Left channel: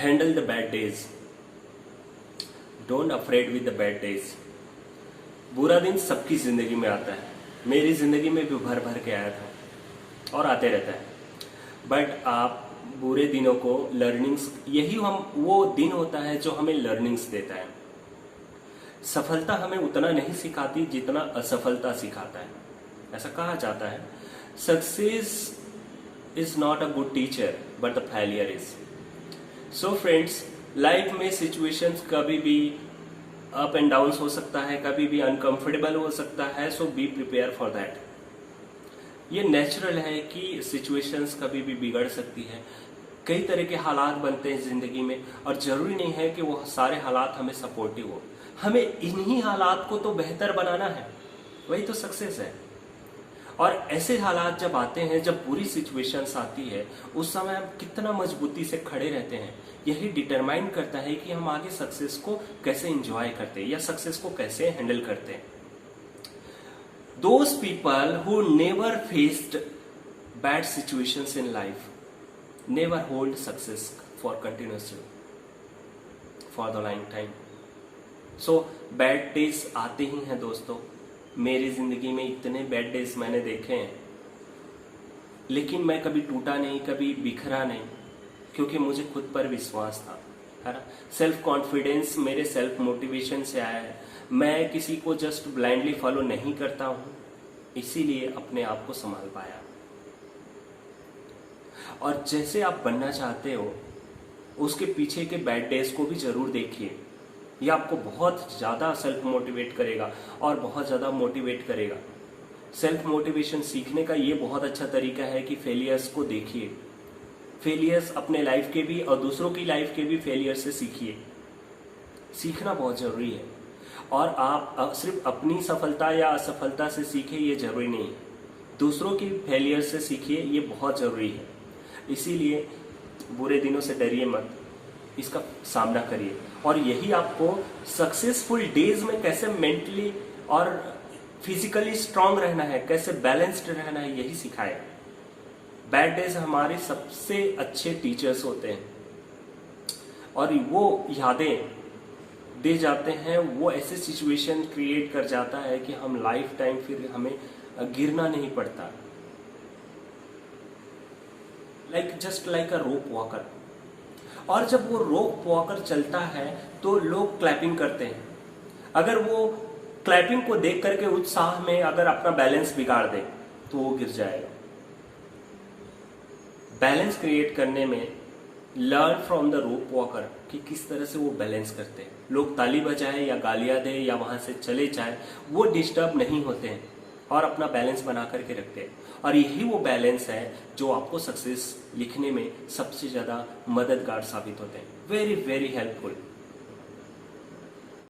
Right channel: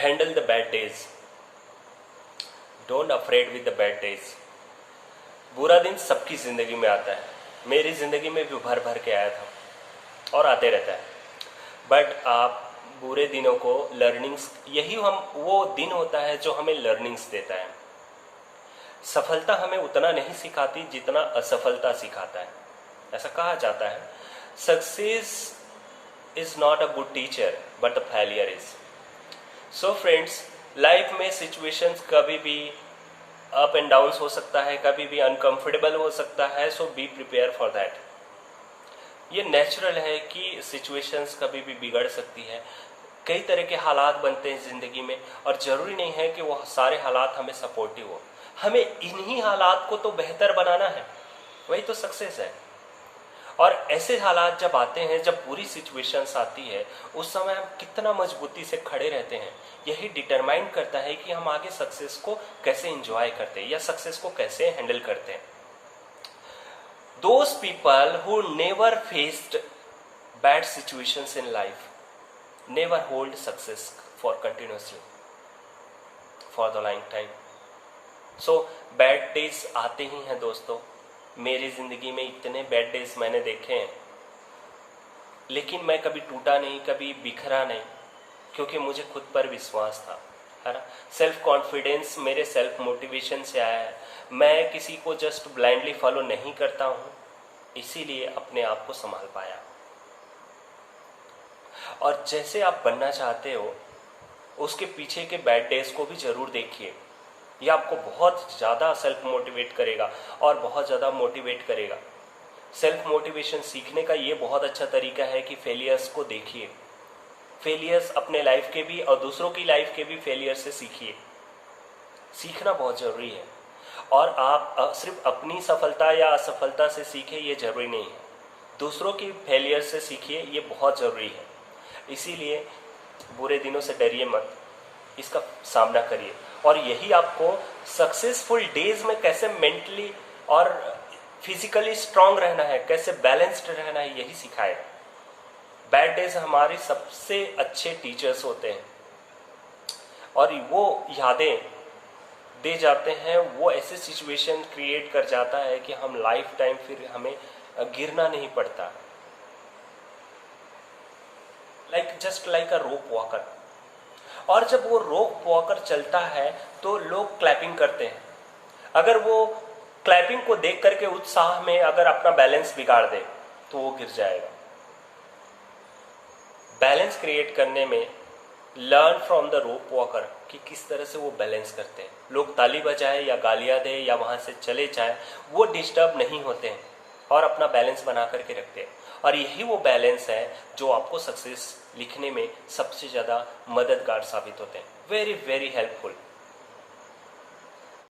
Handle the bad days. Don't afraid with the bad days. बुरा दिन सबकी जिंदगी में आता है, मेरी जिंदगी में भी भर भर के आया था और आते रहता है। बट आप बुरे दिनों को लर्निंग्स, यही वो दिन होता है जो हमें लर्निंग्स देता है। सफलता हमें उतना नहीं सिखाती जितना असफलता सिखाता है। ऐसा कहा जाता है, success is not a good teacher but the failure is. So friends, life में सिचुएशंस कभी भी अप एंड डाउन हो सकता है, कभी भी अनकंफर्टेबल हो सकता है। सो बी प्रिपेयर फॉर दैट। ये नेचुरल है कि सिचुएशंस कभी भी बिगड़ सकती है। कई तरह के हालात बनते हैं जिंदगी में और जरूरी नहीं है कि वो सारे हालात हमें सपोर्टिव हो। हमें इन्हीं हालात को तो बेहतर बनाना है, वही तो सक्सेस है। और ऐसे हालात जब आते हैं, जब बुरी सिचुएशंस आती है, उस समय हम कितना मजबूती से खड़े रहते हैं, यही डिटरमाइन करता है कि हम आगे सक्सेस को कैसे एंजॉय करते हैं या सक्सेस को कैसे हैंडल करते हैं। Those people who never faced bad situations in life never hold success for continuously for the long time. So bad days आते ही हैं दोस्तों। मेरी जिंदगी में इतने बैड डेज मैंने देखे हैं, लेकिन मैं कभी टूटा नहीं, कभी बिखरा नहीं, क्योंकि मुझे खुद पर विश्वास था, है ना। सेल्फ कॉन्फिडेंस मेरे सेल्फ मोटिवेशन से आया है। मैं किसी को जस्ट ब्लाइंडली फॉलो नहीं करता हूं, इसीलिए अपने आप को संभाल पाया। और जैसे आप बनना चाहते हो, उसके पीछे के बैड डेज को भी जरूर देखिए। ये आपको बहुत ज्यादा सेल्फ मोटिवेट करेगा और बहुत ज्यादा मोटिवेट करेगा। सेल्फ मोटिवेशन सीखने का ये बहुत अच्छा तरीका है कि फेलियर्स को देखिए। फेलियर्स अपने लाइफ के भी और दूसरों की लाइफ के भी फेलियर से सीखिए। सीखना बहुत जरूरी है। और आप सिर्फ अपनी सफलता या असफलता से सीखे, ये जरूरी नहीं है। दूसरों की फेलियर से सीखिए, ये बहुत जरूरी है। इसीलिए बुरे दिनों से डरिए मत, इसका सामना करिए। और यही आपको सक्सेसफुल डेज में कैसे मेंटली और फिजिकली स्ट्रांग रहना है, कैसे बैलेंस्ड रहना है, यही सिखाएगा। बैड डेज हमारे सबसे अच्छे टीचर्स होते हैं और वो यादें दे जाते हैं, वो ऐसे सिचुएशन क्रिएट कर जाता है कि हम लाइफ टाइम फिर हमें गिरना नहीं पड़ता। जस्ट लाइक अ रोप वॉकर। और जब वो रोप वॉकर चलता है तो लोग क्लैपिंग करते हैं। अगर वो क्लैपिंग को देख करके उत्साह में अगर अपना बैलेंस बिगाड़ दे तो वो गिर जाएगा। बैलेंस क्रिएट करने में learn from the rope walker कि किस तरह से वो बैलेंस करते हैं। लोग ताली बजाए या गालियां दे या वहां से चले जाए, वो डिस्टर्ब नहीं होते हैं और अपना बैलेंस बना करके रखते हैं। और यही वो बैलेंस है जो आपको सक्सेस लिखने में सबसे ज्यादा मददगार साबित होते हैं। Very very helpful.